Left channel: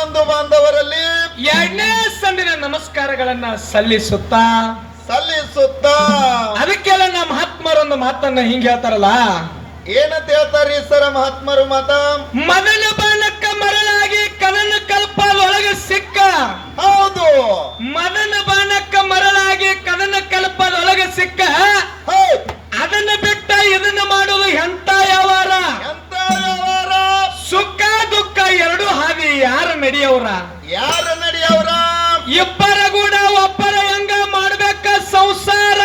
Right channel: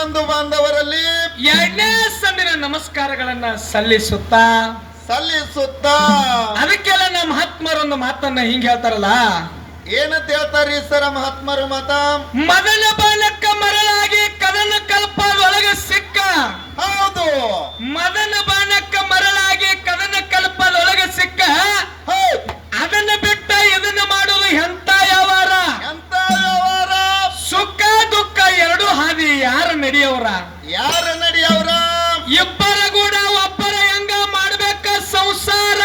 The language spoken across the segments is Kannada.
ಬಂಧು ಬಾಂಧವರಲ್ಲಿ ಎರಡನೇ ಸಂದಿನ ನಮಸ್ಕಾರಗಳನ್ನ ಸಲ್ಲಿಸುತ್ತಾ ಅದಕ್ಕೆಲ್ಲ ನಮ್ಮ ಮಹಾತ್ಮರೊಂದು ಮಾತನ್ನ ಹಿಂಗ ಹೇಳ್ತಾರಲ್ಲ. ಏನಂತ ಹೇಳ್ತಾರಿ ಸರ ಮಹಾತ್ಮರು ಮಾತ? ಮದನ ಬಾಲಕ್ಕ ಮರಳಾಗಿ ಕದನ ಕಲ್ಪದೊಳಗೆ ಸಿಕ್ಕ. ಹೌದು, ಮದನ ಬಾಲಕ್ಕ ಮರಳಾಗಿ ಕದನ ಕಲ್ಪದೊಳಗೆ ಸಿಕ್ಕ. ಅದನ್ನ ಬಿಟ್ಟ ಇದನ್ನ ಮಾಡೋದು ಎಂತ ವ್ಯವಹಾರ? ಎಂತ ವ್ಯವಹಾರ? ಸುಖ ದುಃಖ ಎರಡು ಹಾದಿ ಯಾರು ನಡೆಯವ್ರ? ಯಾರು ನಡೆಯವ್ರ? ಇಬ್ಬರ ಕೂಡ ಒಬ್ಬರ ಹೆಂಗ ಮಾಡ್ಬೇಕ ಸಂಸಾರ?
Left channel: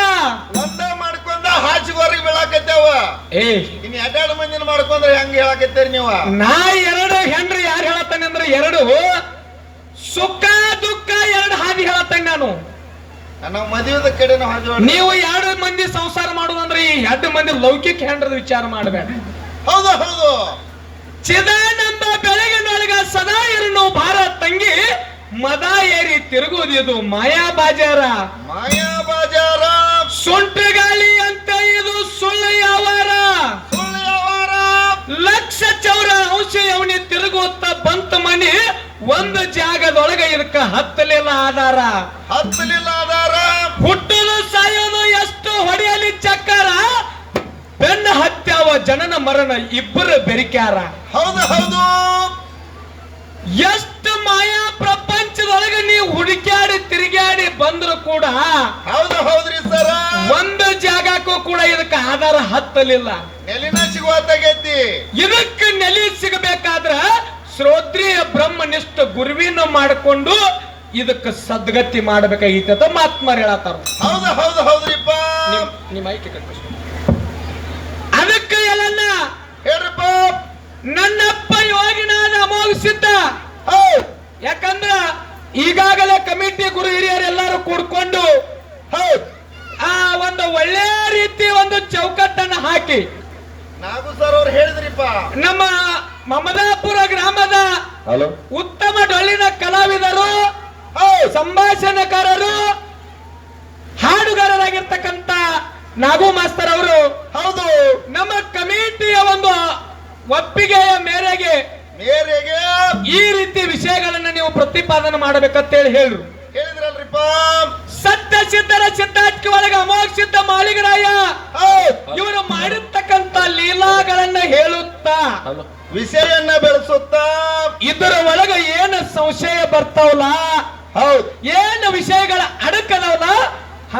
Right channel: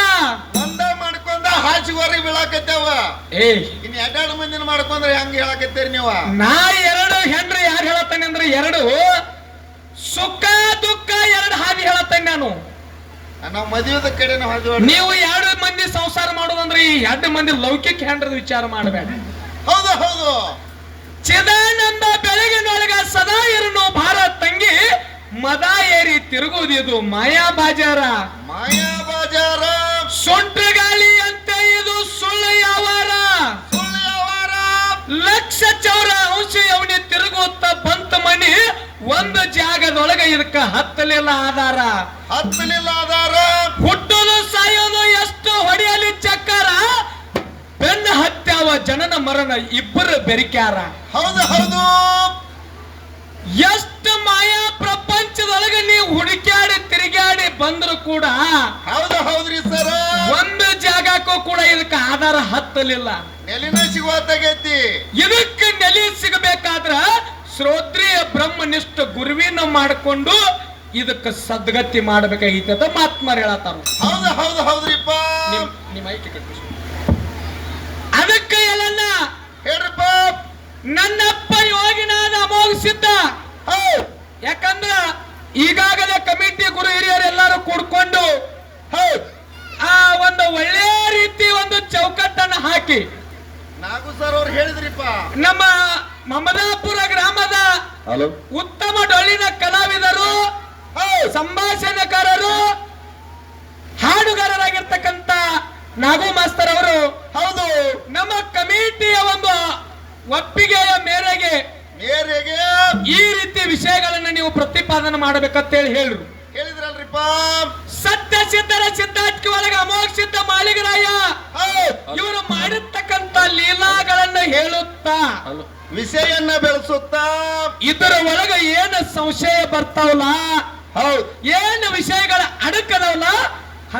ಒಂದ ಮಾಡ್ಕೊಂಡ ಹಾಚಿಗೋರಿಗೆ ಬೀಳಾಕತ್ತೇವ. ಇನ್ ಎರಡೆರಡು ಮಂದಿನ ಮಾಡ್ಕೊಂಡ್ರೆ ಹೆಂಗ ಹೇಳಾಕತ್ತೀರಿ ನೀವು? ನಾ ಎರಡು ಹೆಣ್ರಿ ಯಾರು ಹೇಳತ್ತಾನೆ ಅಂದ್ರೆ ಎರಡು ಸುಖ ದುಃಖ ಎರಡು ಹಾದಿ ಹೇಳತ್ತಾನೆ ನಾನು. ನಾವು ಮದುವೆದ ಕಡೆ ನೀವು ಎರಡು ಮಂದಿ ಸಂಸಾರ ಮಾಡೋದಂದ್ರೆ ಈ ಎರಡು ಮಂದಿ ಲೌಕಿಕ ಹೆಂಡ್ರದ ವಿಚಾರ ಮಾಡಬೇಡ. ಹೌದು ಹೌದು. ಚಿದಾನಂದ ಬೆಳಗಿನೊಳಗ ಸದಾ ಇರನು ಭಾರ ತಂಗಿ ಮದ ಏರಿ ತಿರುಗುವುದು ಮಾಯಾ ಬಾಜಾರ. ಮಾಯಾ ಬಾಜಾರ ಸುಂಟು ಗಾಳಿ ಅಂತ ಇದು ಸುಳ್ಳು ವ್ಯವಹಾರ. ಲಕ್ಷ ಚೌರ ಅಂಶ ಅವನಿ ತಿರುಗುತ್ತ ಬಂತ ಮನಿ ಒಂದು ಜಾಗದೊಳಗ ಇದಕ್ಕ ಹತ್ತಲಿಲ್ಲ ಆಧಾರ. ಹತ್ತಲಿಲ್ಲ ಆಧಾರ. ಹುಟ್ಟೋದು ಸಾಯೋದು ಎಷ್ಟು ಹೊಡೆಯಲಿ ಚಕ್ಕಾರ. ಬೆನ್ನ ಹತ್ಯಾವ ಜನನ ಮರಣ ಇಬ್ಬರು ಬೆರಿಕ್ಯಾರ. ಹೌದು ಹೌದು. ಎಷ್ಟು ಮಾಯಾ ಪ್ರಪಂಚದೊಳಗೆ ನೀವು ಹುಡುಕ್ಯಾಡಿ ತಿರುಗಾಡಿ ಬಂದ್ರು ಕೂಡ ಹೌದು ಹೌದ್ರಿ ಸರ ಒಂದು ಜಾಗಕ್ಕೂ ಕೂಡ ಇದಕ್ಕೆ ಆಧಾರ ಹತ್ತಲಿಲ್ಲ. ನೆಲಿನ ಸಿಗುವತ್ತಾಗೈತಿ. ಇದಕ್ಕೆ ನೆಲೆ ಸಿಗಬೇಕಾದ್ರ ಶ್ರೋತ್ರಿಯ ಬ್ರಹ್ಮನಿಷ್ಠ ಗುರುವಿನ ಮಾಡಿಕೊಂಡು ಇದಕ್ಕೆ ಸದ್ಗತಿ ಮಾಡಬೇಕಾಗಿತ್ತು ಅಂತ ಮಾತ್ಮಾರ್ ಹೇಳತ್ತಾರ. ಹೌದು ಹೌದು ಹೌದ್ರಿಪ್ಪ. ನಿಮ್ಮ ಐಕ್ಯ ಕಟ್ಟಿಸ್ ಅದಕ್ಕೆ ಎಲ್ಲ ಹೇಳ್ರಿಪ್ಪ. ನನ್ನಪ್ಪ ಯೋಗಿನಾದ ಅಮೋಘಸಿದ್ದ. ಯಾಕಂದ್ರ ಈಗಾಗಲೇ ಕಮಿಟಿ ಗುರು ಹಿರಿಯರು ಎಲ್ಲರೂ ಕೂಡ್ಕೊಂಡು ಆ ಒಂದು ಒಳ್ಳೆ ರೀತಿ ಒಂದು ಚೌಕಟ್ಟನ್ನು ಹಾಕಿ ನಾಗು ಸರ್ ಅವ್ರು ಹೇಳಿದ್ರಿಪ್ಪ. ನಮ್ಮ ಮಮದಾಪುರ ಗ್ರಾಮದ ಉತ್ತಮ ಡೊಳ್ಳಿನ ಕಲಾವಿದರು, ಸಂಭಾಷಣೆಕಾರರು, ಹಾಡುಗಾರರಾಗಿರ್ತಕ್ಕಂಥ ನಾಗು ಮಾಸ್ತರ್ ಅವರು ಹೌದು ನಮ್ಮ ಕಮಿಟಿಯ ಒಂದು ಒಪ್ಪಿಗೆಯ ಮೇರೆಗೆ ಈ ರೀತಿ ವಿಷಯಗಳನ್ನ ನೀವು ಪ್ರತಿಪಾದನೆ ಮಾಡಬೇಕಂತೇಳಿ ಹೇಳಿದ್ರಲ್ರಿಪ್ಪ. ಸತ್ಯ ಸಿದ್ಧರ ಸಿದ್ಧಾರ್ಥಿ ಒಳಗೆ ಅಮೋಘ ಸಿದ್ಧ ಮಾಲಿಗರಾಯ ಇವರು ಮಾಡಿರ್ತಕ್ಕಂಥ ಲೀಲಾಗಳನ್ನ ಹೇಳುತ್ತಾ ವಿಷಯನ್ನ ಬೆಳೆಸುತ್ತಾ ಇದರ ಒಳಗೆ ಏನು ಸಂಶಯ ಬರ್ತಾವಲ್ಲ, ಹೌದು ಏನು ವಿಷಯಗಳ ಅಡಕದವಲ್ಲ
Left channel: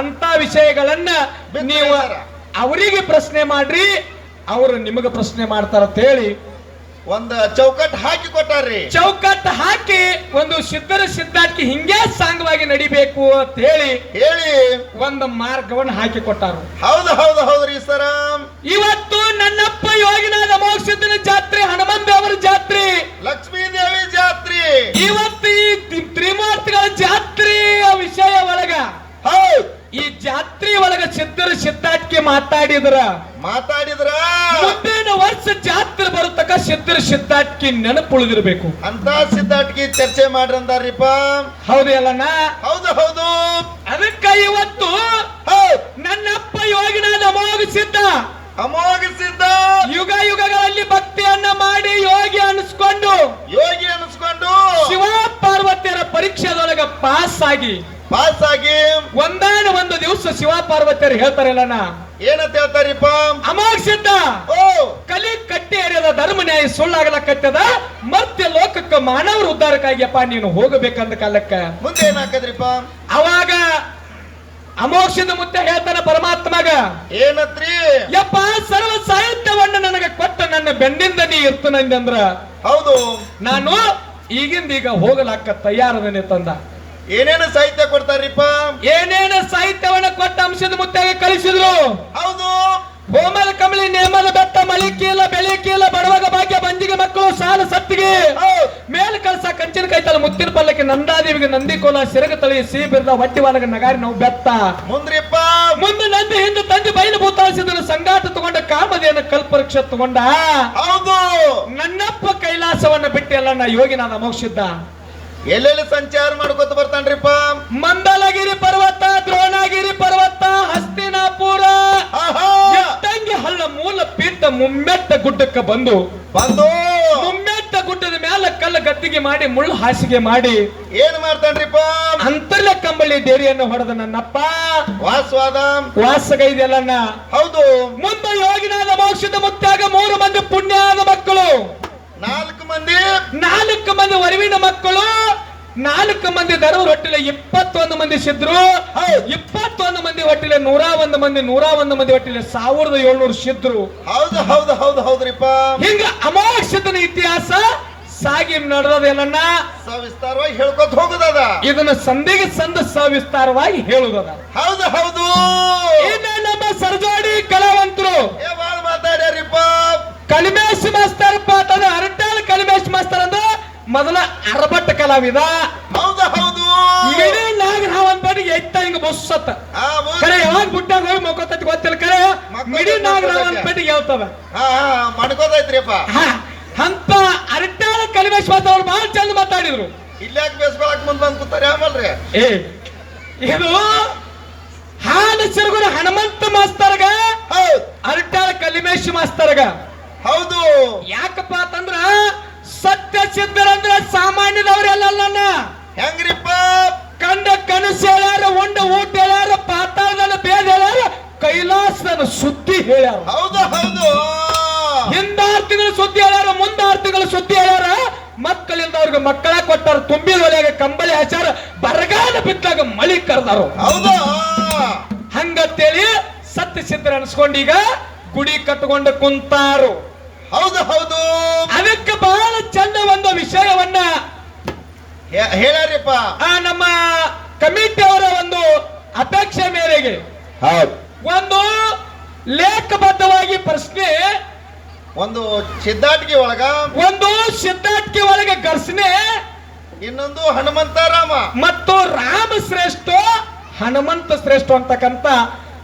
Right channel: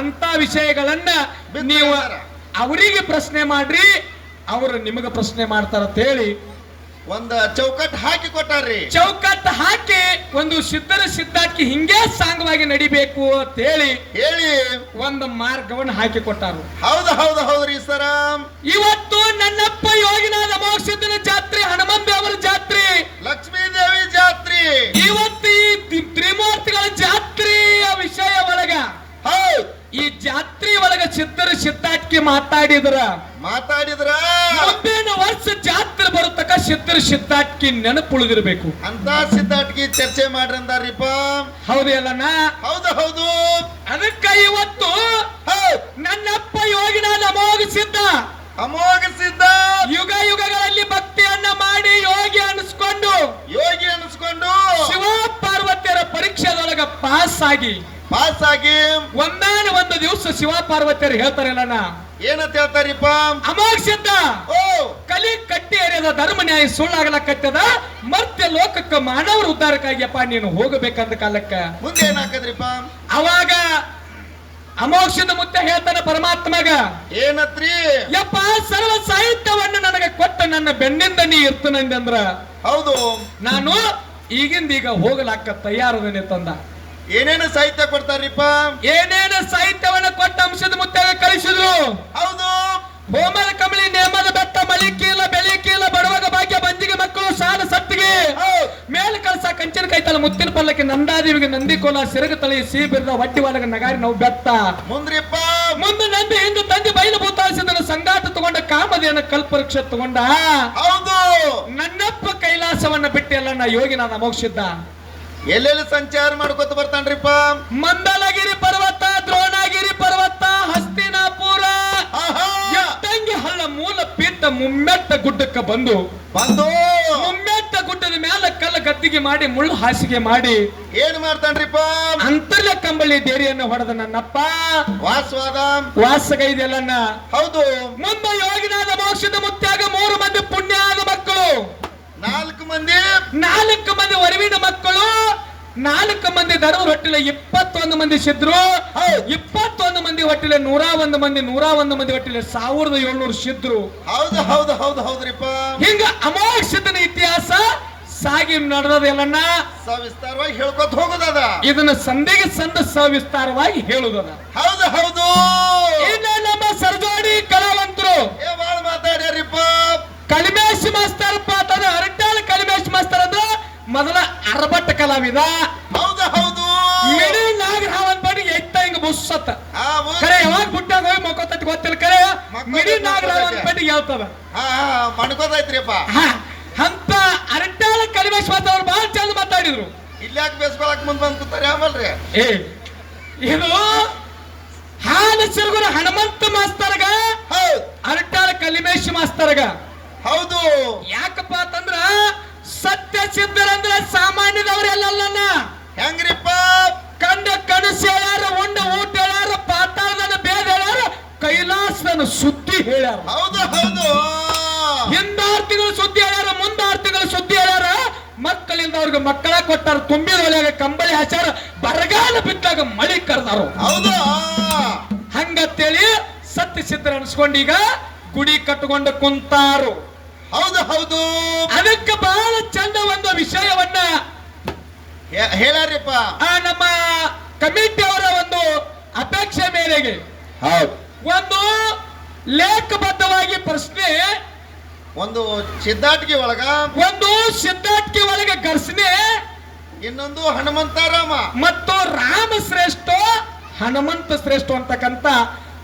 ಅಂತ ವಿಷಯಗಳನ್ನ ನೀವು ಅವರಿಗೆ ಪ್ರಶ್ನೆ ಮಾಡ್ರಿ, ಅವರು ನಿಮಗೆ ಪ್ರಶ್ನೆ ಮಾಡ್ತಾರಂತ ಹೇಳಿ ಒಂದು ಚೌಕಟ್ಟು ಹಾಕಿ ಕೊಟ್ಟಾರ್ರಿ. ಚೌಕಟ್ಟು ಹಾಕಿ ಒಂದು ಸಿದ್ಧರ ಸಿದ್ಧಾರ್ಥಿ ಹಿಂಗೆ ಸಾಂಗವಾಗಿ ನಡಿಬೇಕು ಅಂತ ಹೇಳಿ ಒಂದು ಮಾರ್ಗವನ್ನು ಹಾಕಿ ಕೊಟ್ಟಾರು. ಹೌದು ಹೌದು ಹೌದ್ರಿ ಸರ. ಇವತ್ತು ನನ್ನಪ್ಪ ಯೋಗಿನಾದ ಅಮೋಘ ಸಿದ್ಧನ ಜಾತ್ರೆ, ಹನುಮಂತ ಅವರ ಜಾತ್ರೆ, ಲಕ್ಷ್ಮೀ ದೇವಿ ಜಾತ್ರೆ, ಇವತ್ತು ಈ ತ್ರಿಮೂರ್ತಿಗಳ ಜಾತ್ರೆಯ ವಿಷಯ ಒಳಗ ಈ ಜಾತ್ರೆ ಒಳಗ ಸಿದ್ಧರ ಸಿದ್ಧಾರ್ಥಿ ಮಾತಾಡಿದ್ರ ಮುಂದಿನ ವರ್ಷ ಜಾತ್ರೆ ಬರುತ್ತಕ ಸಿದ್ಧರ ಸಿದ್ಧಾರ್ಥಿ ನೆನಪುಳಿದಿರ್ಬೇಕು ಅಂತ ಸಿದ್ಧಾರ್ಥಿ ಚರ್ಚೆ ಮಾಡ್ರಂದಾರಿಪ್ಪ. ಹೌದು ಅಲ್ಲಣ್ಣ? ಹೌದು ಹೌದು. ಅದಕ್ಕ ಇವತ್ತು ನನ್ನಪ್ಪ ಯೋಗಿನಾದ ಅಮೋಘ ಸಿದ್ಧ ಯುಗ ಯುಗಗಳಲ್ಲಿ ಭಕ್ತಿಯನ್ನ ಮಾಡಿ ಯೋಗಿ ಅನಿಸ್ಕೊಂಡು ಶಿವ ಪಾರ್ವತಿಯರ ಪರೀಕ್ಷೆದೊಳಗ ಪಾಸ್ ಆಗಿ ಒಂದಾನ ಒಂದು ದಿವಸ ಶಿವ ಪಾರ್ವತಿಯರು ಹೇಳ್ತಾರಲ್ಲ, ಏನಂತ ಹೇಳ್ತಾರಿಪ್ಪ? ಅಮೋಘ ಸಿದ್ಧ ಕಲಿ ಕಟ್ಟಿ ಎರೆಯದ ಧರ್ಮ ನ್ಯಾಯ ಸುಳ್ಳಾಗಲಕತ್ತದ, ಮರ್ತ್ಯ ಲೋಕಕ್ಕೆ ಮಾನವರ ಉದ್ಧಾರಕ್ಕಾಗಿಯಪ್ಪ ನೀನು ಹೋಗಬೇಕಂದ ಕಾಲಕ್ಕ ಮುಂದೆ ಏನಾಕದ್ರಿಪ್ಪ? ಅವಾಗ ಅಮೋಘ ಸಿದ್ಧ ಮುತ್ತ ಹೇಳ್ತಾನ ಪರಮಾತ್ಮಗ, ಏನತ್ರಿ? ಯಪ್ಪ ಸರ್ವ ಸಾಹಿತ್ಯವನ್ನ ನನಗೆ ಕೊಟ್ಟ ನನ್ನ ಬೆನ್ನಿಂದ ನೀ ಇರ್ತನಂದ್ರ ಹೌದು ನಾನು ಈಗಿಂದೀಗ ಹೋಗಲಾಕ ತಯಾರದನೆ ತಂದ. ಏನೇನು ಸಾಹಿತ್ಯ ಕೊಡ್ತಾರಿಪ್ಪ? ಏನೇನು ಸಾಹಿತ್ಯವನ್ನ ಕೊಟ್ಟ ಅಂಶದ ಮುತ್ತಾಗ ಕಳಿಸಿದ್ರು. ಹೌದು. ಹೋಮದ ಕಮಲಿ ನೇಮದ ಬೆಟ್ಟ ಮಳಿಕೀಲ ಬೆಳಿಕೀಲ ಬಡವಾಗ ಭಾಗ್ಯ ಬಂದಿಗೆ ಮಕ್ಕಳು ಸಾಲ ಸತ್ತಿಗೆ ಮೇಲ್ ಕಳಸ ಕಂಚಿನ ಕೈತಲ ಮುತ್ತಿನ ಪಲ್ಲಕ್ಕೆ ನಂದಾದೇವಿಗೆ ನಂದಿ ಕೋಲ ಸಿರಗ ತಳಿ ಸಿಹಿ ಬಿರ್ದ ಹೊಟ್ಟಿ ವಾಲಗ ನಗಾರಿ ನಾವು ಬೆತ್ತ ಮುಂದ್ರಿಪ್ಪ ಮುಂದೆ ನಂದಿ ಹಿಂದೆ ತಂದೆ ಬಯಲು ಭೂತಾಸಿದನ ಸಂಗಾಟ ತಗೊಂಡ ಕಾಮದೇನ ಕಲ್ಪವೃಕ್ಷ ತಗೊಂಡ. ಹೌದು. ನನ್ನಪ್ಪ ಕೈಲಾಸವನ್ನ ಬಿಟ್ಟೆಲ್ಲ ನಾ ಯೋಗಿನಾದ ಅಮೋಘ ಸಿದ್ಧ ಎಲ್ಲೆಲ್ಲಿ ಸಂಚಾರ ಮಾಡ್ಕೊತ ಬರ್ತಾನ್ರಿಪ್ಪ? ಮಂದಲಗಿರಿ ಪರ್ವತ, ದ್ರೋಣಗಿರಿ ಪರ್ವತ, ಹಸ್ತಿನಾಪುರ, ಎತ್ತಂಗಿ ಹಳ್ಳ ಮೂಲ ಪೀಠ ಮುಮ್ಮೆಟ್ಟ ಗುಡ್ಡಕ್ಕೆ ಬಂದು ಮುಮ್ಮೆಟ್ಟ ಗುಡ್ಡದ ಮೇಲೆ ಕಲ್ಲ ಗದ್ದಿಗೆ ಮಾಡಿ ಮುಳ್ಳು ಹಾಸಿಗೆ ಮಾಡಿ ಏನ್ ಮಾಡ್ತಾನ್ರಿಪ್ಪ? ಅಂತರ್ಲ ಕಂಬಳಿ ದೇರಿಯನ್ನು ಹೊಡೆದ ನನ್ನಪ್ಪ ವಾಸವಾದ ವಾಸಗೈದೆಲ್ಲನ್ನ. ಹೌದು. ಮುಂದೆ ಯೋಗಿನಾದ ಮೋಕ್ಷದ ಮುತ್ಯಾಗ 3 ಮಂದಿ ಪುಣ್ಯಾದ ಮಕ್ಕಳು, 4 ಮಂದಿ ವರವಿನ ಮಕ್ಕಳು, 4 ಮಂದಿ ಧರ್ಮ ಹೊಟ್ಟಿಲೆ 21 ಮಂದಿ ಸಿದ್ರು, 21 ಮಂದಿ ಹೊಟ್ಟಿಲೆ 101 ಮಂದಿ, 101 ಮಂದಿ ಹೊಟ್ಟಿಲೆ 1700 ಸಿದ್ರು. ಹೌದು ಹೌದು ಹೌದು ಹೌದ್ರಿಪ್ಪ. ಹಿಂಗ ಅಮೋಕ್ಷದನ ಇತಿಹಾಸ ಸಾಗಿ ನಡೆದದೆಲ್ಲನ್ನ ಸವಿಸ್ತಾರವಾಗಿ ಹೇಳ್ಕೊತ ಹೋಗುದದ. ಇದನ್ನ ಸಂಧಿಗೆ ಸಂದ ಸವಿಸ್ತಾರವಾಗಿ ಹೇಳುದದ. ಹೌದು ಹೌದು. ಇನ್ನ ನಮ್ಮ ಸರ್ಜೋಡಿ ಕಲಾವಂತರು ಬಾಳ ಮಾತಾಡ್ಯಾರಿಪ್ಪ. ಕಲಿಮೇಶ್ ಮಾಸ್ತರಪ್ಪ ತನ್ನ ಅರಟಾಳ ಕಲಿಮೇಶ್ ಮಾಸ್ತರ್ ಅಂದ್ರೆ ಮೊದಲ ಅರಬಟ್ಟ ಕಲಾವಿದ. ಹೌದು ಹೌದು. ಮಿಡಿ ನಾಗರಾವ್ ಅಂತ ಎತ್ತ ಹಿಂಗ ಬುಸ್ಸತ್ತ ಕರೆ ಯಾವಾಗ ಬಿಟ್ಟಾಗ ಹೋಗಿ ಮಕ್ಕೋತೈತಿ ಗೊತ್ತಿಲ್ಲ. ಕರೆ ಮಿಡಿ ನಾಗರಾವ್ ಅಂತ ಹೇಳ್ತದ. ಮಣ್ಕೋತೈತ್ರಿಪ್ಪ. ಅಂತ ಅರಟಾಳ ಕಲಿಮೇಶ್ ಮಾಸ್ತರ್ ಅವ್ರು ಬಹಳ ಚಂದ ಮಾತಾಡಿದ್ರು. ಇಲ್ಲಾಕ್ ಬೇಸ್ಕೊಳಕ್ ಮುಂದ್ ಬಂದ್ ಕೂತಾರೆ ಆಮಲ್ರಿ. ಇದು ಹಾಲ ಸಿರುಗುರ ಹನುಮಂತ ಮಾಸ್ತರ್ಗ, ಅರಟಾಳ ಕಲಿಮೇಶ್ ಮಾಸ್ತರ್ಗ. ಹೌದು. ಯಾಕಪ್ಪ ಅಂತಂದ್ರ ಸತ್ಯ ಸಿದ್ಧರಂದ್ರ ಸಾಮಾನ್ಯದವ್ರೆಲ್ಲ ಹೆಂಗ್ರಿಪ್ಪ? ಕಂಡ ಕನಸು ಹೇಳ್ಯಾರ, ಉಂಡ ಊಟ ಹೇಳ್ಯಾರ, ಪಾತಾಳದನ ಬೇದ ಹೇಳ್ಯಾರ, ಕೈಲಾಸದನ ಸುದ್ದಿ ಹೇಳ್ಯಾರ. ಹೌದು ಹೌದು. ಹಿಂದ 6 ತಿಂಗಳು ಸುದ್ದಿ ಹೇಳ್ಯಾರ, ಮುಂದ 6 ತಿಂಗಳು ಸುದ್ದಿ ಹೇಳ್ಯಾರ. ಮಕ್ಕಳಿಂದವ್ರಿಗೆ ಮಕ್ಕಳ ಕೊಟ್ಟಾರ, ತುಂಬಿದೊಳಗೆ ಕಂಬಳಿ ಹಚ್ಚಾರ, ಬರಗಾಲ ಬಿಟ್ಟಾಗ ಮಳಿ ಕರೆದಾರು. ಹೌದು. ಹಂಗತ್ತೇಳಿ ಸತ್ಯ ಸಿದ್ಧರ ಅನ್ಸ್ಕೊಂಡೀಗ ಗುಡಿ ಕಟ್ಕೊಂಡು ಕುಂತಾರು. ಹೌದು ಹೌದು. ಅದಕ್ಕೆ ಬಹಳ ಚಂದ ಒಂದು ವಿಷಯವನ್ನ ಹೇಳ್ಯಾರಿಪ್ಪ. ನಮ್ಮ ಕಮಿಟಿ ಅವರ ಒಂದು ಅಪೇಕ್ಷೆ ಮೇರೆಗೆ ಒಂದು ಲೇಖಬದ್ಧವಾಗಿ ಪ್ರಶ್ನೆ, ಒಂದು ಸಿದ್ಧಾಟಿಕೆ ಒಳಗ, ಒಂದು ಸಿದ್ಧಾಟಿಕೆ ಒಳಗೆ ಘರ್ಷಣೆ, ಇನ್ನೊಂದು ಹನುಮಂತರಾಮ ಮತ್ತು ರಾಮ ಶ್ರೇಷ್ಠ ಹನುಮಂತ ಶ್ರೇಷ್ಠ ಅಂತಕ್ಕಂತ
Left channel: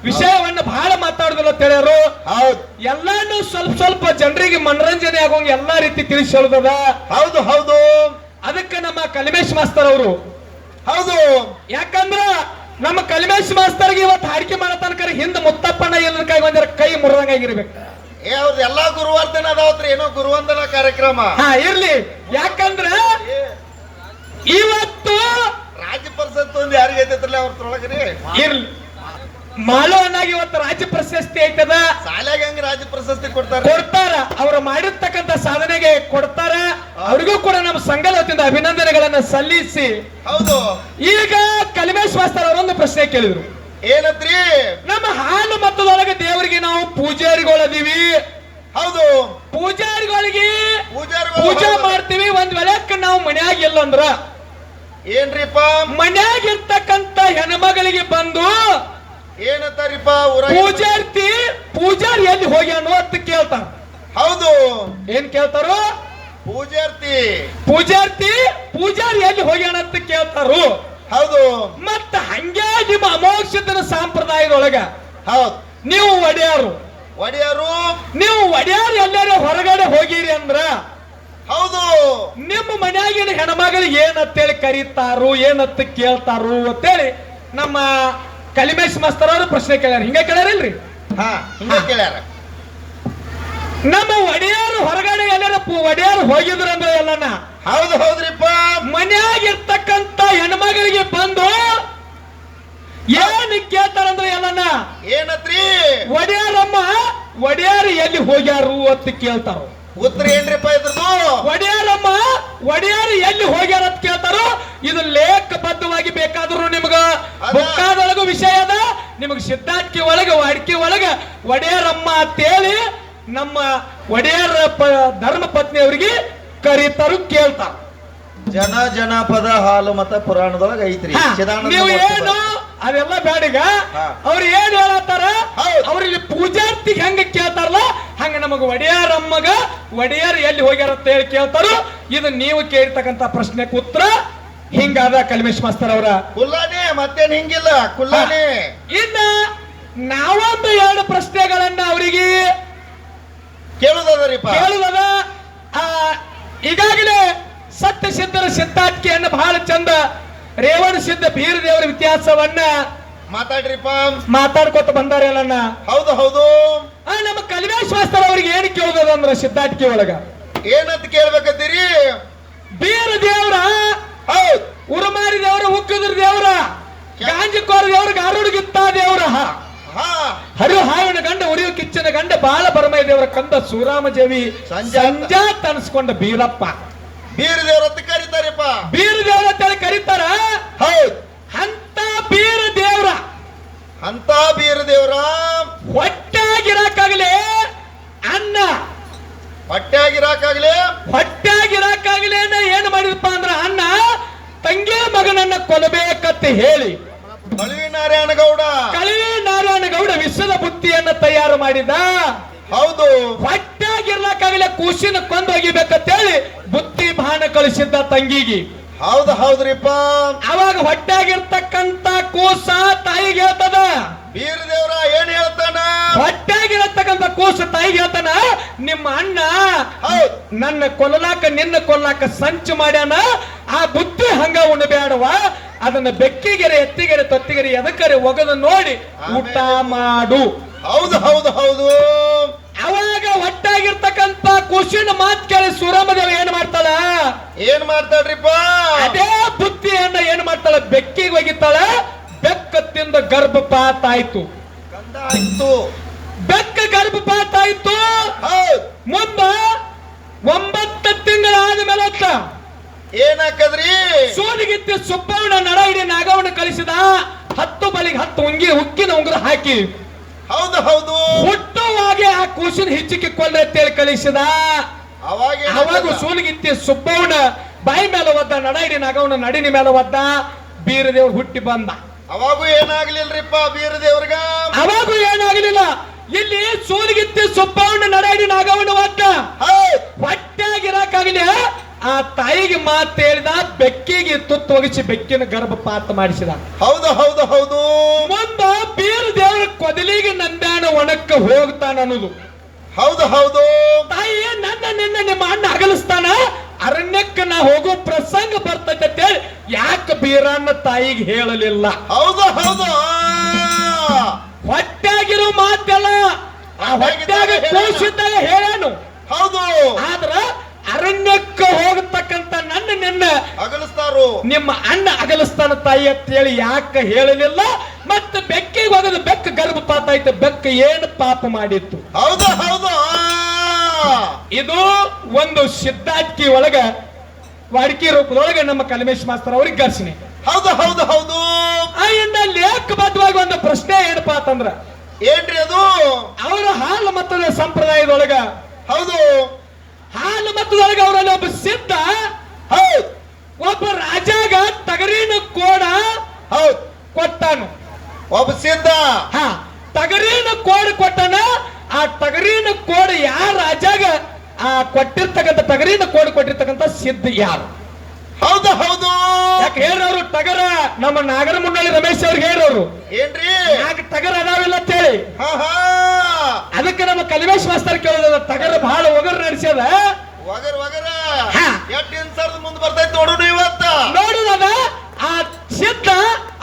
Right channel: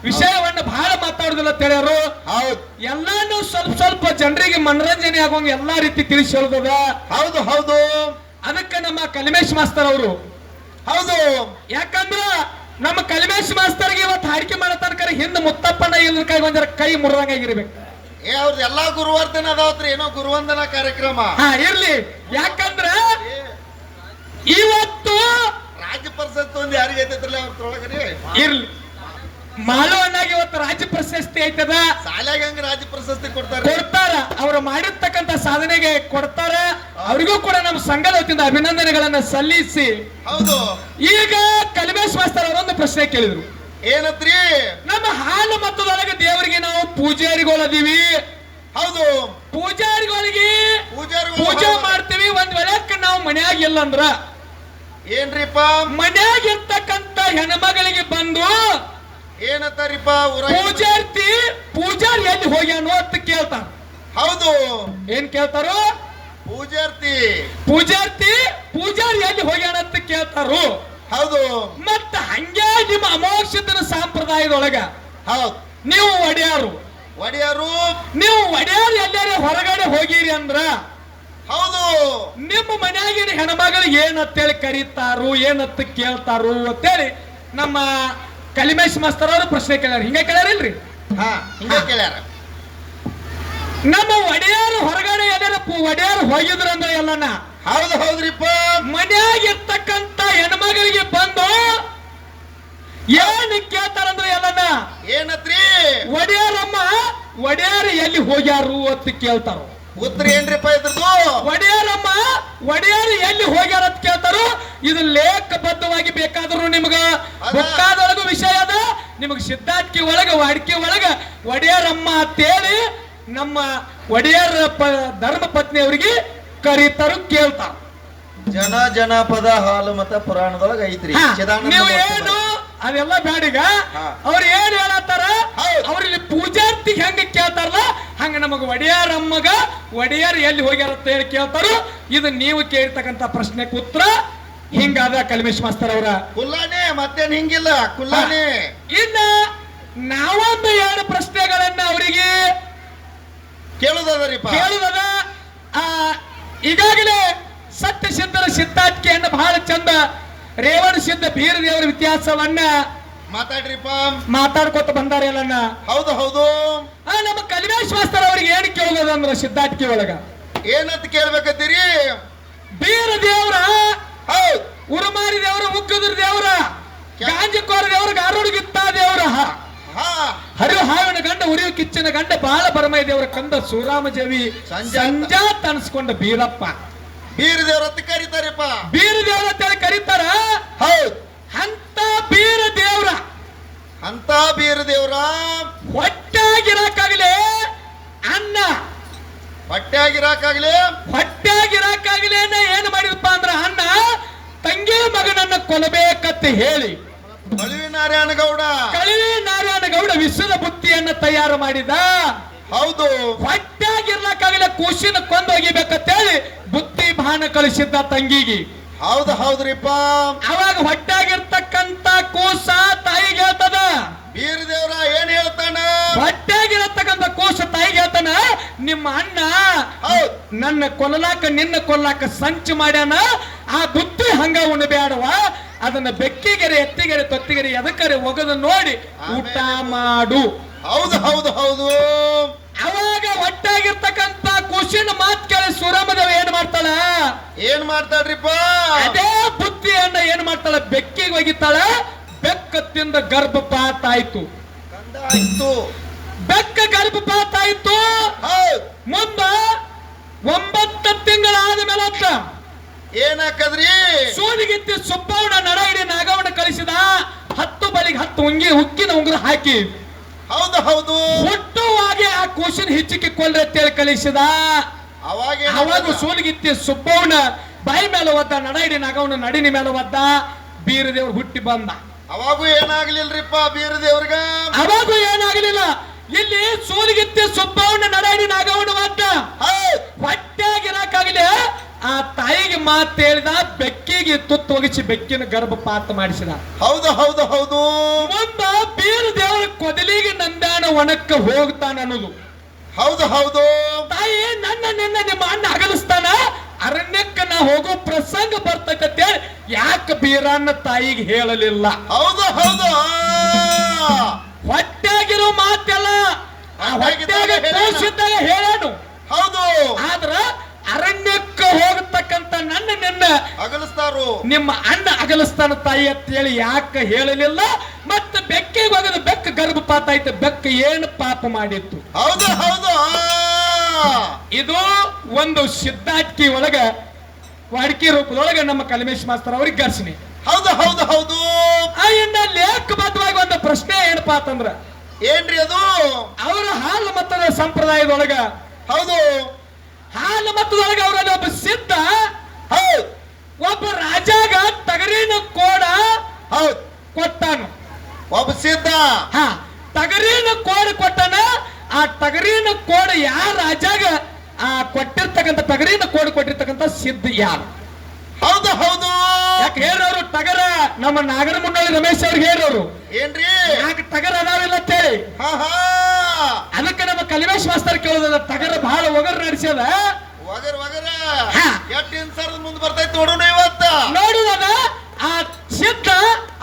ವಿಷಯವನ್ನು ಬಹಳ ಮಾತಾಡುದಿಲ್ಲ ತಿಳಿಯರು. ಹೌದು. ಎಲ್ಲಾನು ಸ್ವಲ್ಪ ಸ್ವಲ್ಪ ಜನರಿಗೆ ಮನರಂಜನೆ ಆಗೋಂಗ ಎಲ್ಲಾ ರೀತಿ ತಿಳಿಸಿ ಹೇಳುದದ. ಹೌದು ಹೌದು. ಅದಕ್ಕೆ ನಮ್ಮ ಕಲಿಮೇಶ್ ಮಾಸ್ತರ್ ಅವರು. ಹೌದು. ಯಾಕಂದ್ರ ನಮ್ಮ ಕಲಿಮೇಶ್ ಮಾಸ್ತರ್ಗೆ ಇವತ್ತು ಹಾಡಿಕೆ ಮಾಡೋ ತನಕ ಹಿಂದ ಮುತ್ತಪ್ಪಣ್ಣ ಎಲ್ಲ ಕೈ ಬಂದಿರ ಕೈ ಮುರಿದಂಗಾಗಿರ್ಬೇಕು. ಅವ್ರದ್ದು ಎಲ್ಲಾ ಗುರುವಾರ್ಧನ ಅದಾವತ್ರಿ, ಏನೋ ಗುರುವಂದನಾ ಕಾರ್ಯಕ್ರಮ. ಇರ್ಲಿ. ಯಾಕಂದ್ರ ಇವತ್ತು ರಾಜ್ಯ ಪರಿಷತ್ ಒಂದು ಯಾರಿಗೆ ಐತೈತ್ರಲ್ಲ ಅವ್ರೊಳಗ್ರಿ ಇರ್ಲಿ ಮಾಳು ಅಣ್ಣಾಗಿ ಇವತ್ತು ರಾಜ್ಯ ಪ್ರಶಸ್ತಿ ಐತದ. ಶಾಲೆಗೆ ಹಂಗ ರಾಜ್ಯ ಪ್ರಶಸ್ತಿ ಕೊಡ್ತಾರ. ಅವ್ರು ಮಾಡಿರ್ತಕ್ಕಂತ ಸಾಧನೆಗೆ ಕೊಡ್ತಾರ. ಅವ್ರಿಗೂ ಕೂಡ ನಮ್ಮ ಸಂಘದ ವತಿಯಿಂದ ಅಭಿನಂದನೆಗಳನ್ನ ಸಲ್ಲಿಸಿ. ಹೌದು. ಈಗ ಕಲಿಮೇಶ್ ಮಾಸ್ತರ್ ಅವರೊಂದು ಪ್ರಶ್ನೆ ಕೇಳಿದ್ರು. ಏನತ್ರಿ? ನಮ್ಮ ಹಾಲು ಮತದೊಳಗೆ ದೇವರಿಗೆ ನಾವು ಪೂಜಾರಿಗಳದೀವಿ. ಹೌದು. ಪೂಜಾರಿಗಳಿಗೆ ಪೂಜೆ ಮಾಡ್ತೀವಿ. ಒಂದ್ ವೇಳೆಕ್ಕೆ ನಾವು ಮನ್ಯಾಗ ಇಲ್ಲಂದ್ರ ಏನ್ರಿಪ್ಪ? ಮನ್ಯಾಗ ಇರ್ತಕ್ಕಂತ ಹೆಣ್ಮಗಳಿಗೆ ಬಂದು ಏನತ್ತಾರಿಪ್ಪ? ಪೂಜಾರಿ ಎಲ್ಲಿ ಹೋಗ್ಯಾನೋ ಅಂತ ಕೇಳ್ತಾರ. ಹೌದು. ಏನ್ ಕೇಳ್ತಾರೋ? ಪೂಜಾರಿ ಎಲ್ಲಿ ಹೋಗ್ಯಾನ ಅಂತ ಕೇಳ್ತಾರು. ಹೌದು. ಮತ್ತ ಹಂಗೆ ನಿಮ್ಮ ಅಮೋಕ್ಷದ ಸಂಪ್ರದಾಯದೊಳಗ ಹೌದು ನೀವು ಒಡೆಯಾರು ನೀವು ಒಡೆಯಾರು ಎಲ್ಲಾರು ಹೊರಗಡೆ ಹೋಗಿರಿ ಅಂದ್ರ ಹೌದು ನಿಮ್ಮ ಮನ್ಯಾಗಿನ ಹೆಣ್ಮಗಳಿಗೆ ಏನಂತೇಳಿ ಕರೀತಾರು, ಏನಂತ ಕೇಳ್ತಾರು ಅಂತೇಳಿ ನಮ್ಮ ಕಲಿಮೇಶ್ ಮಾಸ್ತರ್ ಅವರು ಪ್ರಶ್ನೆ ಕೇಳ್ಯಾರ. ಹಿಂಗ ಕೇಳ್ಯಾರಿಲ್ರಿ? ಹಿಂಗ ಕೇಳ್ಯಾರ. ನಮ್ಮ ಒಡೆಯಾರು ಹೊರಗಡೆ ಎಲ್ಲಾರ ಒಡೆಯಾರು ಹೋಗಿದ್ರು ಅಂದ್ರೆ ಎಲ್ಲನ ಹೌದು ಹೌದ್ರಿಪ್ಪ. ಮನ್ಯಾಗಿರ್ತಕ್ಕಂತ ಹೆಣ್ಮಗಳಿಗೆ ಬಂದು ಏನ್ ಕೇಳ್ತಾರಂದ್ರೆ ಎಲ್ಲನ ಏನತ್ರಿ? ಒಡೆಯಾರು ಎಲ್ಲಿ ಹೋಗ್ಯಾರು ಅಂತ ಕೇಳ್ತಾರ. ಉತ್ತರ ಏನ್ರಿಪ್ಪ ಇದ್ರದ್ದು? ಒಡೆಯಾರು ಎಲ್ಲಿ ಹೋಗ್ಯಾರ ಅಂತ ಕೇಳ್ತಾರು. ಇದು ಲೇಖಬದ್ಧವಾಗಿ ಬೇಕಾದ್ರು ನಿಮ್ಗ ಬುಕ್ಕಾದೊಳಗ ವಿಷಯ ಅದ. ನಿಮಗ್ ಸಿದ್ಧಾಟಿಕೆ ಒಳಗ ವಾಡಿಕೆ ಒಳಗ ಒಡೆಯರಮ್ಮ ಅಂತೇಳಿ ನಮ್ಮ ಒಡೆಯರ ಧರ್ಮ ಪತ್ನಿ ಅವರಿಗೆ ಕರೀತಾರು, ಕೇಳ್ತಾರ. ಜನಪದ ಹಾಲು ಮತ ಪುರಾಣದೊಳಗ ಐತ್ರಿ. ನೀವು ಏನು ಅದೆಲ್ಲ ಬ್ಯಾಡೀಗ. ಅವ್ರು ಏನ್ ಹೇಳತ್ತಾರ, ಅವ್ರಿಗೆ ಪೂಜಾರ್ತಿಗೆ ಹೆಂಗ ಕೇಳ್ತಾರಲ್ಲ ಹಂಗ ನಮಗ ಒಡೆಯರಮ್ಮಗ ಒಡೆಯರ್ ಎಲ್ಲಿ ಹೋಗ್ಯಾರ ಅಂತ ಹೇಳಿ ಕೇಳ್ತಾರು. ಇದು ನೀವು ಕೇಳಿರ್ತಕ್ಕಂತ ಪ್ರಶ್ನೆಗೆ ಉತ್ತರ ಹಿಂಗಾದ ಕಲಿಮೇಶ್ ಮಾಸ್ತರ್ ಅವರ. ಕುಲ್ಲಾನೆ ಮತ್ತೇನ್ ಹಿಂಗಿಲ್ಲ, ಕುಲ್ಲಾನೆ. ಇನ್ನ ನಾವೊಂದು 2 ಪ್ರಶ್ನೆಗಳನ್ನ ಅವರಿಗೆ ಕೇಳುದದ. ಈಗಾಗಲೇ ಸತ್ಯ ಸಿದ್ಧರ ಸಿದ್ಧಾಟಿಕೆಯನ್ನ ಬಹಳ ಚಂದ ರೇವಣ ಸಿದ್ಧ ಬೀರ ದೇವರ ಇತಿಹಾಸವನ್ನ ಮಾತಾಡ್ಕೊತ ಬಂದಾರೆ ಎಲ್ಲನ್ನ. ಹೌದು ಹೌದು. ನಮ್ಮ ಕಲಿಮೇಶ್ ಮಾಸ್ತರ್ ಅವ್ರಿಗೆ ಏನ್ ಕೇಳೋದಂದ್ರ ಸಿದ್ಧಾಟಿಕೆ ಒಳಗ ಏನಂತ ಕೇಳ್ಬೇಕತ್ತೀರಿ? ಬೀರ ದೇವ್ರ, ಹೌದ್ ಉರಮಾರಿ ದೇವ್ರ, ಉಕ್ಕುದ್ರ ದೇವ್ರ, ಗಾಂಜಕೋರ ದೇವ್ರ, ಗಾರುಡಿಗಿತ್ತ ದೇವ್ರ, ಹಾ ಹರಿಹಾರನ ಗಂಡ, ಉರಿಯು ಕಿಚ್ಚನ ಗಂಡ, ಬಾಲ ಬರಮೈ ದೇವರ ಕಂದ, ಸೂರಾಮ ಜವಿ ಸಂಜಾತ್ ಅನ್ಸ್ಕೊಂಡ ಬೀರಪ್ಪ. ಬೀರ ದೇವ್ರ ಅಂತ ಕರೀತಾರಪ್ಪ. ಬೀರ ದೇವ್ರ ಅಂತ ಕರೀತಾರ. ಹೌದ್ ಅಂತ ಬೀರ ದೇವ್ರ, ಅಂತ ಬೀರ ದೇವ್ರ ಹೊಟ್ಟಾಗಿರಾಕಾಗಲೇ ಅನ್ನ, ಹೊಟ್ಟೆಯಾಗಿರಾಕಾಗ್ಲಿ, ಹೊಟ್ಟಾಗಿರಾಕಾಗಲೇ ಏನ್ ಮಾಡಿದಪ್ಪ ಅಂದ್ರ ಅನ್ನ ತಂಗಿ ಮಗನನ್ನ ಕೊಲ್ಲಬೇಕಂತ ಹೇಳಿ ಕಳುವಿ ನಾರಾಯಣ ಗೌಡ, ಕಳವಿ ನಾರಾಯಣ ಗೌಡ ವಿಷದ ಬುತ್ತಿಯನ್ನ ತಯಾರು ಮಾಡಿದ. ಹೌದು ಹೊಟ್ಟಾಗಿರ್ಲಾಕಾಗಲೇ ಕೂಸಿನ ಕೊಂದೊಗಿಬೇಕಂತೇಳಿ ಬುತ್ತಿ ಬಾಣ ಕಳಿಸಿದ್ದ ತಂಗಿಗೆ. ಹೌದು ಹೌದ್ರಿಪ್ಪ. ಅವಾಗ ಹೊಟ್ಟಾಗಿರ್ತಕ್ಕಂತ ಕೂಸ ತಾಯಿಗೆ ಹೇಳ್ತದ, ಬೀರ ದೇವ್ರ ಏನ್ ಹೇಳ್ತಾನ? ಹೊಟ್ಟಾಗಿರತಕ್ಕಂತ ಕೂಸ ತಾಯಿಗೆ ಹೇಳ್ತಾನ, ನಿಮ್ಮ ಅಣ್ಣ ಹೌದ್ ನನ್ನ ಕೊಲ್ಲಲಾಕ ನಿನ್ನ ಕೊಲ್ಲಾಕ ಸಂಚು ಮಾಡ್ಯಾನ, ಆ ಬುತ್ತಿ ಹಂಗ ಉಣ್ಣಬೇಡವ, ಅದನ್ನ ಬೆಕ್ಕಿಗೆರೆ, ಎತ್ತಿಗೆರೆ, ತೊತ್ತಿಗೆರೆ ಎದಕ್ಕರೆ ಒಗದು ನೋಡಿ ಊಟ ಮಾಡು. ಹೌದು ಹೌದು ಹೌದು. ಅವಾಗ ಹೊಟ್ಟಾಗಿರ್ತಕ್ಕಂತ ಕೂಸಿನ ಮಾತ್ ಕೇಳಿ ಸೂರಮ್ಮದೇವ ಏನ್ ಮಾಡ್ತಾಳ? ಏನ್ ಮಾಡ್ತಾಳ್ರಿಪ್ಪ? ಅದೇ ಬುತ್ತಿಯನ್ನ ಏನ್ ಮಾಡ್ತಾಳ? ಬೆಕ್ಕಿಗೆ ಒಗಿತಾಳ. ಬೆಕ್ಕ ತಿಂದ ಗರ್ಭಪಾತ ಆಯ್ತು. ಕಂದ ಆಯ್ತು. ಬೆಕ್ಕ ಗರ್ಭಪಾತ ಆಯ್ತು. ಹೌದ್ ಮುಂದ 9 ತಿಂಗಳಾದ ಮೇಲೆ ಏನಾಕದ್ರಿ? ಸೂಲಿಗಿತ್ತಿ ಸುಬ್ಬವನ ನಡ ಹಿಡಿ ನಾಗವನ್ನ ಕಳಿಸಿದ. 10 ಬಲಿಗೆ 10 ಹುಕ್ಕಿನ ಉಂಗುರ ಹಾಕಿ ಹೌದು ಹೌದು. ಹುಟ್ಟುವಾಗೆ ಆ ಕೂಸಿನ ಹಿಚ್ಚಿಗೆ ಕೊಲ್ಲೆ ಅಂತೇಳಿ ಕಳಿಸಿದ. ಅವಾಗ ಸೂಲಿಗಿತ್ತಿ ಸುಬ್ಬವನ ಬಾಯಿ ಮೇಲೆ ಒದ್ದ, ನಡ ಹಿಡಿ ನಾಗವನ ನಡಿನ ಮೇಲೆ ಒದ್ದ. ಬೀರ ದೇವ್ರು ಹುಟ್ಟಿ ಬಂದ. ಅವಾಗೂ ಏನಾಗ್ಲಿಲ್ರಿಪ್ಪ ಬೀರ ದೇವ್ರಿಗ? ಅವಾಗೂ ಏನಾಗಲಿಲ್ಲ. ಇಲ್ಲಿ ಸೂಲಿಗಿತ್ತಿ ಸುಬ್ಬವನ ನಡ ಹಿಡಿ ನಾಗವನ ಒದ್ದ. ಹೊಟ್ಟಾಗಿರಾಕಾಗಲಿ ಆ ತಾಯಿಗೆ ಮಾತು ಹೇಳಿದ, ಬೆಕ್ಕಿಗೆ ತುತ್ತು ಒಗಿಸಿ ಬೆಕ್ಕಿನ ಗರ್ಭಪಾತ ಮಾಡಿಸಿದ. ಹೌದು ಹೌದು ಹೌದು. ಮುಂದ ಬೀರ ದೇವರ ಕೊದಲಿಗೆ ನಂದಾನ ಒಣಕ್ಕ ಹೋಗ್ತಾನ ಅನ್ನೋದು. ಹೌದು ಹೌದು. ತಾಯಿ ನನ್ನ ನಿನ್ನ ನಿಮ್ಮ ಅಣ್ಣ ಅಗಲಿಸ್ತಾನ, ಅರಣ್ಯಕ್ಕೆ ನಾ ಹೋಗೋ ಪ್ರಸಂಗ ಬರ್ತೈತೆ ಅಂತೇಳಿ ಯಾಕೆ ಬೀರನ್ನ ತಾಯಿಗೆ ಹೇಳಲಿಲ್ಲ? ಹೌದು ಹೌದು. ಹೊಟ್ಟಾಗಿರೋ ಮಾತೆಲ್ಲ ಆ ಹೊಟ್ಟಾಗ ಕೂಸಿದ್ದಾಗ ಹೇಳನು. ಹೌದು. ಆದ್ರ ಅರಣ್ಯಕ್ಕೆ ಹೋಗತಕ್ಕಂತ ನನ್ನ ನಿನ್ನ ಅಗಲಿಸ್ತಾರು, ನಿಮ್ಮ ಅಣ್ಣ ಅಗಲಿಸ್ತಾನ ತಾಯಿ ಅಂತ ಹೇಳಿ ಯಾಕೆ ಹೇಳಲಿಲ್ಲ? ಮತ್ತೆ ಬೆಕ್ಕಿಗೆ ಹೋಗದ, ಬೆಕ್ಕ ಗರ್ಭಪಾತ ಆಯ್ತು. ಬೆಕ್ಕ ಏನು ಪಾಪ ಮಾಡಿತ್ತು? ಹೌದು ಹೌದು. ಇದು ಒಂದು ಸಿದ್ಧಾರ್ಥಿ ಒಳಗ ವಾಡಿಕೆ ರೂಪದೊಳಗ ನಮ್ಮ ಕಲ್ಮೇಶ್ ಮಾಸ್ತರ್ ಅವ್ರಿಗೆ ಘರ್ಷಣೆ. ಹೌದು ಹೌದು ಹೌದು. ಇಂದ ಲೇಖಬದ್ಧವಾಗಿ ಒಂದು ಪ್ರಶ್ನೆ ಏನಪ್ಪಾ ಅಂತಂದ್ರ, ಏನ್ರಿ ಅದು? ಅವರ ಹಾಲು ಮತದ ಸಂಪ್ರದಾಯದೊಳಗ, ಹೌದು ಹಾಲು ಮತದೊಳಗ ಅವರಲ್ಲಿ ಒಬ್ಬ ಸಿದ್ಧ, ಹೌದ್ ಒಬ್ಬ ರಾಜಾಗ ಟಗರಿನ ಕೋಡ ಹೌದ್ ಕೊಟ್ಟಾನು. ಒಬ್ಬ ಸಿದ್ಧ ಟಗರಿನ ಕೋಡ ಕೊಟ್ಟಾನ. ಆ ಟಗರಿನ ಕೋಡ ಯಾರ ರಾಜಾಗ ಆ ಕೊಟ್ಟಿರ್ತಕ್ಕಂಥ ಟಗರಿನ ಕೋಡ ಕೊಟ್ಟಿರ್ತಕ್ಕಂಥ ಸಿದ್ಧ ಯಾರು? ಹೌದು ಹೌದು. ಯಾಕೆ ಹೇಳೋರು? ಟಗರ ನಮ್ಮ ನಾಗರ ಮುನ್ನಳ್ಳಿ ರಮೇಶ್ ಅವ್ರಿಗೆ ಹೇಳೋರು ಏನ್ರಿ? ಯಾಕೆ ಟಗರ ಅದಾವಿಲ್ಲ ಅಂತೇಳಿ. ಅದಕ್ಕೆ ನಮ್ಮ ಕಲಿಮೇಶ್ ಮಾಸ್ತರ್ ಕೇಳೋದಲ್ಲ, ಟಗರ ಬಹಳ ಒಗರ್ ನಡೆಸ್ಯದ. ಒಗರ್ ಒಗರ ಎಷ್ಟು ಇನ್ಸರ್ದ ಮುಂದೆ ಬರ್ತೈತಿ ನೋಡೋಣ ಇವತ್ತ. ನೋಡುವಾಗ ಆ ಸಿದ್ಧ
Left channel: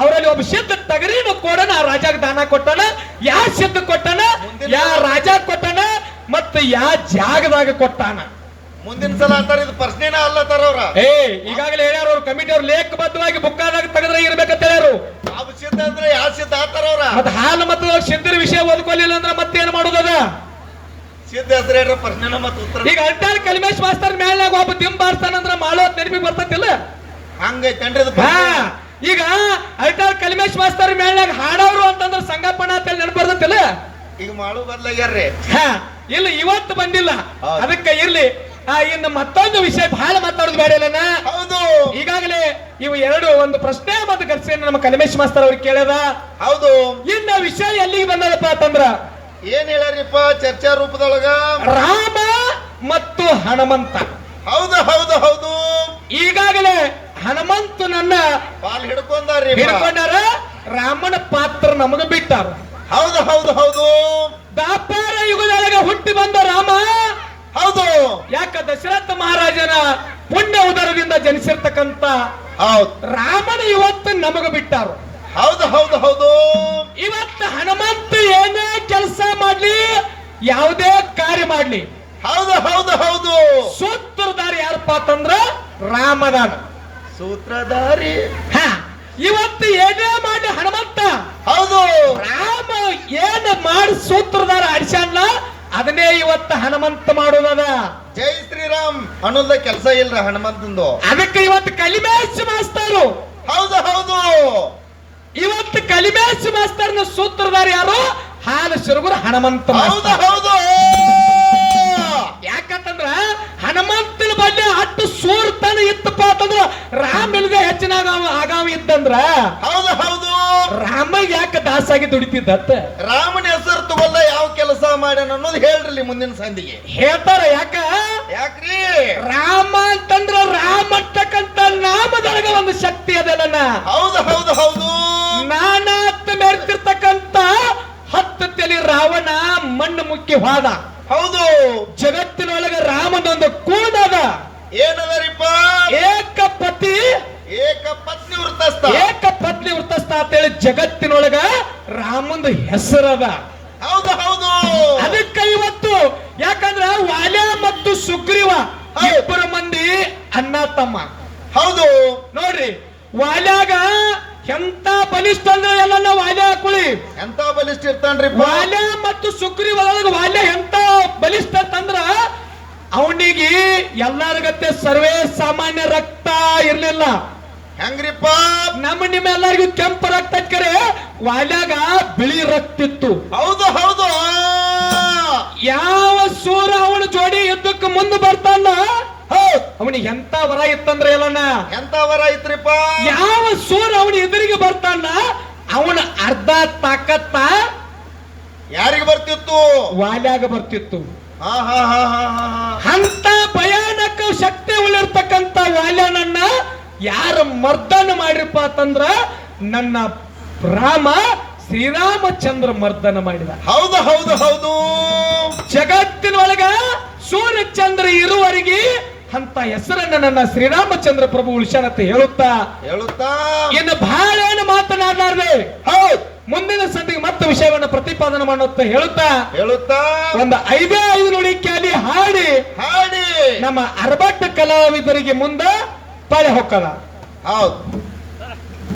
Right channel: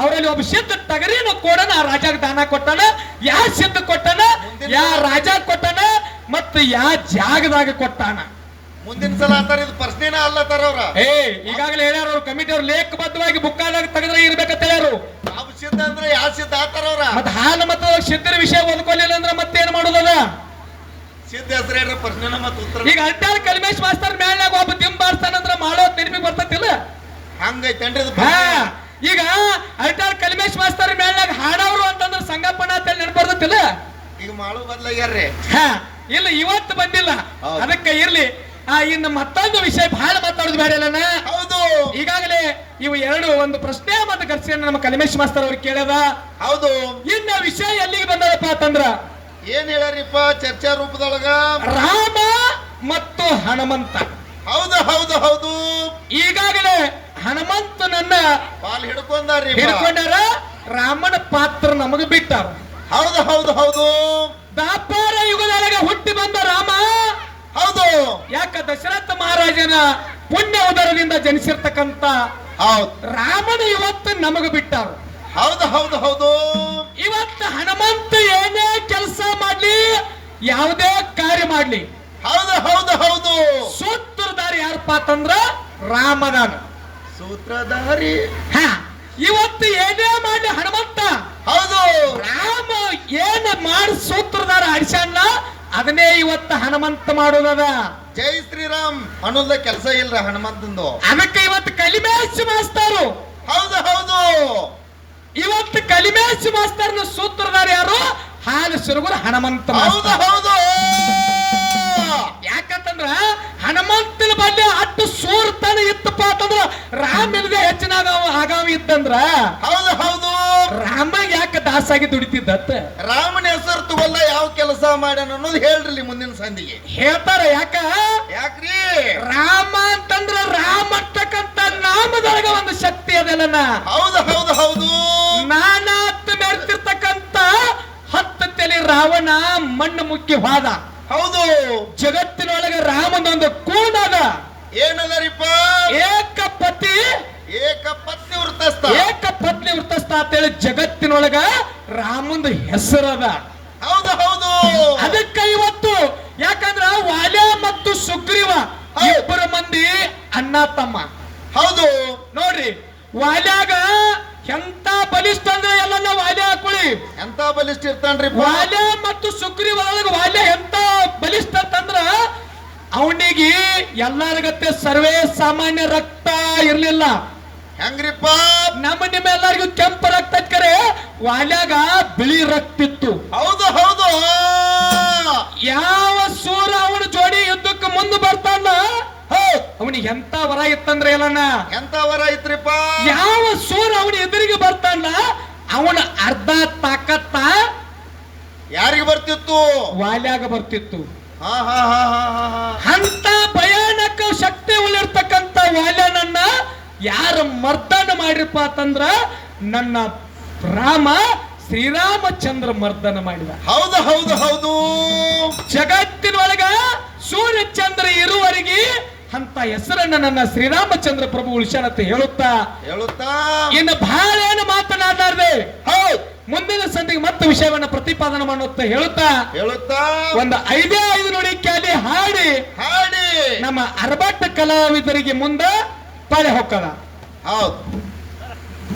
ಅವರಲ್ಲಿ ಒಬ್ಬ ಸಿದ್ಧ ಟಗರಿನ ಕೋಡನ ಆ ರಾಜಾಗ ದಾನ ಕೊಟ್ಟಾನ. ಯಾ ಸಿದ್ಧ ಕೊಟ್ಟಾನ, ಯಾ ರಾಜ ಕೊಟ್ಟಾನ, ಮತ್ತೆ ಯಾ ಜಾಗದಾಗ ಕೊಟ್ಟಾನ? ಮುಂದಿನ ಸಲ ಅಂತಾರ ಇದು ಪ್ರಶ್ನೆನ ಅಲ್ಲತ್ತಾರ ಅವ್ರ. ಈಗಾಗಲೇ ಹೇಳ್ಯಾರ ಅವ್ರು, ಕಮಿಟಿ ಅವ್ರು ಲೇಖಬದ್ಧವಾಗಿ ಬುಕ್ಕಾದಾಗ ತೆಗೆದ್ರೆ ಇರ್ಬೇಕಂತ ಹೇಳ್ಯಾರು. ಯಾವ ಸಿದ್ಧ ಅಂದ್ರೆ ಯಾವ ಸಿದ್ಧ ಆತಾರ ಅವ್ರ? ಮತ್ತೆ ಹಾಲು ಮತ್ತು ಸಿದ್ಧರ ವಿಷಯ ಓದ್ಕೊಲಿಲ್ಲ ಅಂದ್ರೆ ಮತ್ತೇನ್ ಮಾಡೋದದ? ಸಿದ್ಧ ಹೆಸರು ಹೇಳ್ರ, ಪ್ರಶ್ನೆನ ಮತ್ತೆ ಉತ್ತರ. ಈಗ ಅಲ್ಟಾರ ಕಲ್ಮೇಶ್ ಮಾಸ್ತರ್ ಮೇಲ್ನಾಗ ಒಬ್ಬ ದಿಂಬಾರ್ತಾನಂದ್ರ ಮಾಡೋದ್ ನೆನಪಿಗೆ ಬರ್ತೈತಿಲ್ಲ? ಹಂಗೈತೇನ್ರಿ ಅದು? ಈಗ ಅಲ್ಟಾರ್ ಕಲ್ಮೇಶ್ ಮಾಸ್ತರ್ ಮೇಲ್ನಾಗ ಹಾಡೋರು ಅಂತಂದ್ರೆ ಸಂಗಪ್ಪನ ಅಂತ ನೆನಪು ಬರ್ತೈತಿಲ್ಲ? ಈಗ ಮಾಡು ಬರ್ಲಾಗ್ಯಾರ್ರಿ. ಇಲ್ಲ, ಇವತ್ತು ಬಂದಿಲ್ಲ. ಅದಕ್ಕೆ ಇರ್ಲಿ. ಇನ್ನು ಮತ್ತೊಂದು ವಿಷಯ ಬಹಳ ಮಾತಾಡೋದು ಬೇಡ. ಹೌದು. ಈಗಾಗಲೇ ಇವು ಎರಡು ಒಂದು ಪ್ರಶ್ನೆ ಮತ್ತು ಘರ್ಷಣೆ ನಮ್ಮ ಕಲ್ಮೇಶ್ ಮಾಸ್ತರ್ ಅವ್ರಿಗೆ ಕೇಳ್ಯದ. ಹೌದು. ಇನ್ನ ವಿಷಯ ಎಲ್ಲಿಗೆ ಬಂದದಪ್ಪ ಅಂತಂದ್ರ, ಏನ್ ಹೇಳ್ಯಾರಿಪ್ಪ ಚರ್ಚಾ ರೂಪದೊಳಗ? ರಾಮ ಮತ್ತು ಹನುಮಂತ. ಹೌದು ಹೌದು ಹೌದು. ಈಗಾಗಲೇ ಹನುಮಂತನನ್ನ ಪಾಲ್ ಹಿಡ್ಕೊಂಡಾರ, ರಾಮನ ಪಾತ್ರ ನಮಗ ಬಿಟ್ಟಾರ. ಹೌದು ಹೌದು ಹೌದು. ದಾಪಾರ ಯುಗದೊಳಗೆ ಹುಟ್ಟಿ ಬಂದ ರಾಮ. ಹೌದು. ಯಾಕ ದಶರಥ ಮಹಾರಾಜನ ಪುಣ್ಯ ಉದರದಿಂದ ಜನಿಸಿರ್ತಕ್ಕಂತ ರಾಮನ ಇವತ್ತು ನಮಗ ಬಿಟ್ಟಾರು. ಹೌದು ಹೌದು ಹೌದು. ಇವತ್ತು ಹನುಮಂತ ಏನೇ ಕೆಲಸ ಮಾಡ್ಲಿ, ಯಾವುದೇ ಕಾರ್ಯ ಮಾಡ್ಲಿ, ಹೌದು ಹೌದು ಹೌದು, ಸೂತ್ರಧಾರಿ ಯಾರಪ್ಪ ಅಂತಂದ್ರ ರಾಮದಾನ. ಸೂತ್ರಧಾರಿ. ಹ, ಇವತ್ತು ಏನೇ ಮಾಡಿ ಹನುಮಂತ ಹೌದು. ರಾಮ ಏನ್ ಮಾಡಿ ಸೂತ್ರಧಾರ ಅಡಿಸಣ್ಣ ಅದನ್ನೇ ಇವತ್ತು ಹನುಮಂತ ಮಾಡೋದದ. ಜೈ ಶ್ರೀರಾಮ್ ಅನ್ನೋದ ಕೆಲಸ ಇಲ್ರ ಹನುಮಂತಂದು. ಅದಕ್ಕೆ ಇವತ್ತು ಕಲಿಮೇಶ್ ಮಾಸ್ತರು. ಹೌದು ಹೌದು. ಇವತ್ತು ಕಲಿಮೇಶ್ ಮಾಸ್ತರ್ನ ಸೂತ್ರಧಾರ ಯಾರು? ಹಾನ ಶಿರಗುರ ಹನುಮಂತ ಹೌದು ಹೌದು. ಯಾಕಂತಂದ್ರ ಹನುಮಂತನ ಬಲ್ಲೆ ಅಟ್ಟು ಸೂರ್ತಾನ ಇತ್ತಪ್ಪ ಅಂತಂದ್ರ ರಾಮ ಇಲ್ಲದೆ ಹೆಚ್ಚಿನ ಆಗಾಮ ಇತ್ತಂದ್ರ ಹೌದು ಹೌದು. ರಾಮ ಯಾಕೆ ದಾಸಾಗಿ ದುಡಿತಿದ್ದತ್ತ? ರಾಮನ ಹೆಸರು ತಗೊಳ್ದ ಯಾವ ಕೆಲಸ ಮಾಡ್ಯಾನ ಅನ್ನೋದು ಹೇಳ್ರಿ ಮುಂದಿನ ಸಂದಿಗೆ ಹೇಳ್ತಾರ. ಯಾಕ್ರಿ? ರಾಮ ಅಂತಂದ್ರ ರಾಮ ಅಂತಕ್ಕಂತ ನಾಮದೊಳಗ ಒಂದು ಶಕ್ತಿ ಅದಲ್ಲ. ಹೌದು ಹೌದು ಹೌದು. ನಾನಾತ್ ಮೆರ್ತಿರ್ತಕ್ಕಂತ 10 ತಲೆ ರಾವಣ ಮಣ್ಣು ಮುಕ್ಕಿ ಹೋದ. ಹೌದು. ಜಗತ್ತಿನೊಳಗ ರಾಮನೊಂದು ಕೂಡದ ಏನದರಿಪ್ಪ? ಏಕಪತಿ ಏಕಪತ್ನಿ ವೃತ್ತಸ್ಥ. ಏಕಪತ್ನಿ ವೃತ್ತಸ್ಥ ಅಂತೇಳಿ ಜಗತ್ತಿನೊಳಗ ರಾಮಂದು ಹೆಸರದ. ಹೌದು ಹೌದು. ಅದಕ್ಕೆ ಇವತ್ತು ಯಾಕಂದ್ರ ವಾಲ್ಯ ಮತ್ತು ಸುಗ್ರೀವ ಇಬ್ಬರು ಮಂದಿ ಅಣ್ಣ ತಮ್ಮ. ಹೌದು ನೋಡ್ರಿ, ವಾಲ್ಯಾಗ ಎಂತ ಬಲಿಷ್ಠ ಅಂದ್ರೆ ಎಲ್ಲ ವಾಲ್ಯ ಹಾಕೊಳ್ಳಿ. ಎಂತ ಬಲಿಷ್ಠ ಇರ್ತಾನ್ರಿ ವಾಲ್ಯ ಮತ್ತು ಸುಗ್ರೀವ ಒಳಗ ವಾಲ್ಯ ಎಂತ ಬಲಿಷ್ಠ ಅಂತಂದ್ರ ಅವನಿಗೆ ಎಲ್ಲಾರ್ಗತ್ತೆ ಸರ್ವೇ ಸಾಮಾನ್ಯ ರಕ್ತ ಇರ್ಲಿಲ್ಲ. ಹೆಂಗ್ರಿಪ್ಪ? ನಮ್ಮ ನಿಮ್ಮೆಲ್ಲರಿಗೂ ಕೆಂಪು ರಕ್ತ ಕರೆ ವಾಲ್ಯಾಗ ಬಿಳಿ ರಕ್ತ ಇತ್ತು. ಹೌದು ಹೌದು. ಯಾವ ಸೂರ ಅವನ ಜೋಡಿ ಯುದ್ಧಕ್ಕೆ ಮುಂದೆ ಬರ್ತಾನ ಅವನಿಗೆ ಎಂತ ವರ ಇತ್ತಂದ್ರೆ ಎಲ್ಲನ. ಎಂತ ವರ ಐತ್ರಿಪ್ಪ? ಯಾವ ಸೂರ ಅವನ ಎದುರಿಗೆ ಬರ್ತಾನ ಅವನ ಅರ್ಧ ತಾಕತ್ತ ಯಾರಿಗೆ ಬರ್ತಿತ್ತು? ವಾಲ್ಯಾಗ ಬರ್ತಿತ್ತು. ಹಾ ಹಾ ಹಾ ಹಾ. ಅಂತ ಭಯಾನಕ ಶಕ್ತಿ ಉಳಿರ್ತಕ್ಕಂತ ವಾಲ್ಯನನ್ನ ಯಾರು ಮರ್ದನ ಮಾಡಿರಪ್ಪ ಅಂತಂದ್ರ ನನ್ನ ರಾಮ ಶ್ರೀರಾಮಚಂದ್ರ ಮರ್ದನ ಮಾಡಿದ. ಹೌದು ಹೌದು ಹೌದು. ಜಗತ್ತಿನೊಳಗ ಸೂರ್ಯಚಂದ್ರ ಇರುವವರೆಗೆ ಅಂತ ಹೆಸರನ್ನ ನನ್ನ ಶ್ರೀರಾಮಚಂದ್ರ ಪ್ರಭು ಉಳಿಸ್ಯಾನಂತ ಹೇಳುತ್ತಾ ಇನ್ನು ಬಹಳ ಏನು ಮಾತನಾಡಲಾರ್ದೆ ಹೌದು ಮುಂದಿನ ಸಂಧಿಗೆ ಮತ್ತೆ ವಿಷಯವನ್ನ ಪ್ರತಿಪಾದನೆ ಮಾಡುತ್ತ ಹೇಳುತ್ತಾ ಒಂದು 5 ನುಡಿಕೆಯಲ್ಲಿ ಹಾಡಿ ನಮ್ಮ ಅರಬಟ್ಟ ಕಲಾವಿದರಿಗೆ ಮುಂದೆ ಪಳೆ ಹೊಕ್ಕದ. ಹೌದು.